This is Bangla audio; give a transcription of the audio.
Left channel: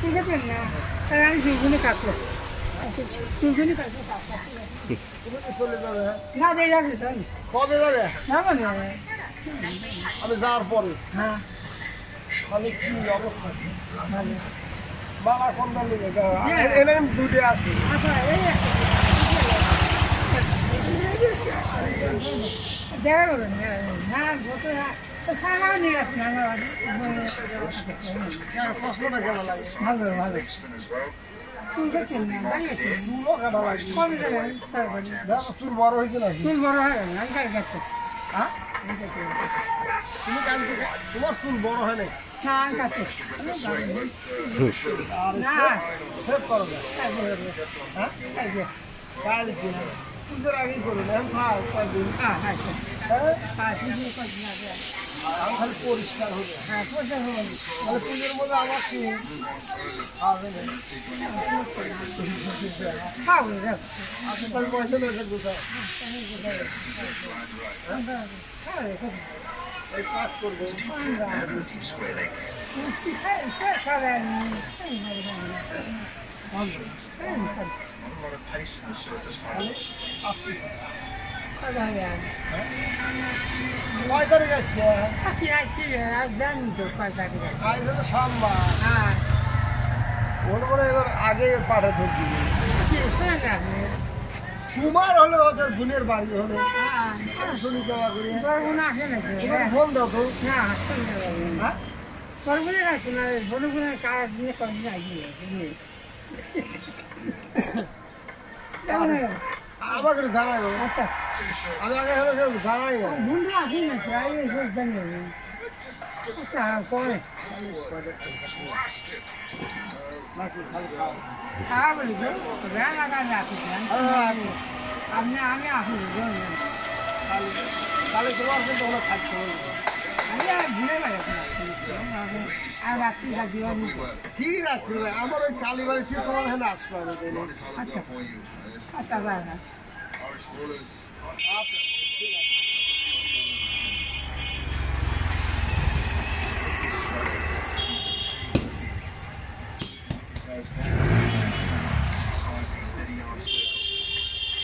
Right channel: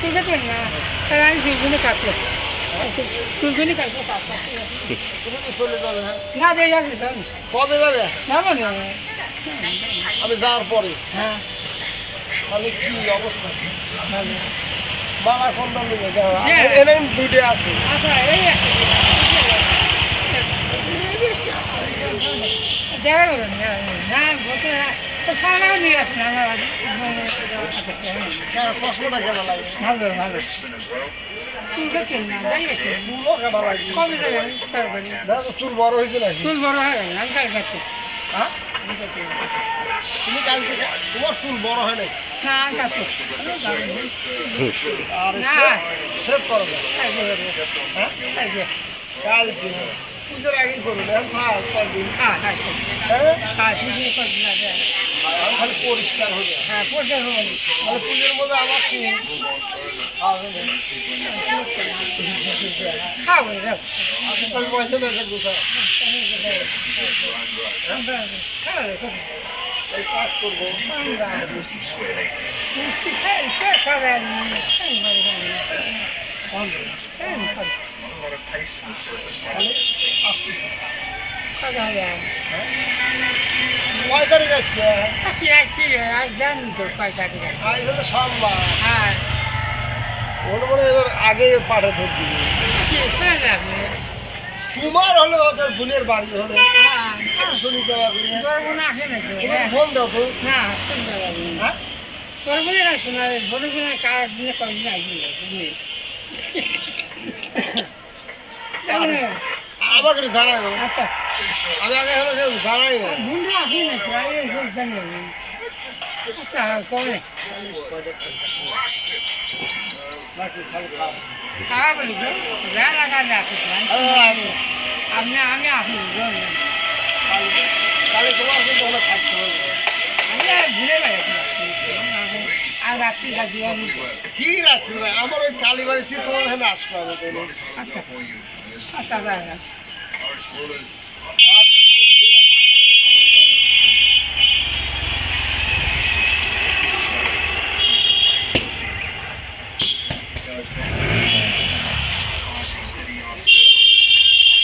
ঠিক আছে না তাহলে আমি দুজনে কাটবো দুজনে কাটবো চলে যাবে না দিয়ে যাবে কবে যাবে যাবো না আমি যাওয়ার পরে হ্যাঁ তাহলে কি অবস্থা ভালো বাবার ফোনটা নিয়ে যাওয়া হ্যাঁ। এনে দুটো আছে আচ্ছা এই দেখা করুন না বলতে সারা নিয়ে আসুন আমার চশমাটা কেমন লাগে ভালো ভালো চুলটা কেন না দাঁড়িয়েছে চুলও কেমন লাগে কবে যাবেন তারপরে দেখো চুল বড় হয়েছে নাকি চুল বড় হয়ে গেল আমি কাল কাটছি হ্যাঁ তুমি কালকে তোমার চুল বড় হয় নাই না আমি কাটছি আর না সেভ করো না হ্যাঁ কালকে পুজোর আগেই করুন এখন থাক কয়েকদিন হ্যাঁ হ্যাঁ হ্যাঁ হ্যাঁ ঠিক আছে আমি খালি পরিষ্কার হবে হ্যাঁ পয়সা হবে তাহলে পুজোর মধ্যে আমার কি হবে না খাবো যাও আপনি তাহলে পয়সা নেই কোথায় এই কাজ করবো আসতেছি কয় তারিখ আসছে আজ হলো সোমবার ওটা মনে এবার আগে পাঠা ধরবি তোমার হলে ওদের বোনের বাড়ি হলে শুনি দেওয়া করি ফোন দাও তো হ্যাঁ আমাকে জানাই আচ্ছা আমি আগে হলে কেউ জানাই না বন্ধুরা আসি না জানি আচ্ছা কবে নাকি খালি খাও খারাপ বলি তো রাগালে আসিস আপনি আমি আসি তাহলে তোমার কিন্তু ওখানে থাকতে হবে আমি আর ভুলে বেড়াচ্ছি আর রাত্রি রাখি কি রাখতে ভাই আমার ওই কালীবাড়ি থেকে তোমার এখানে আসতে হবে আচ্ছা আচ্ছা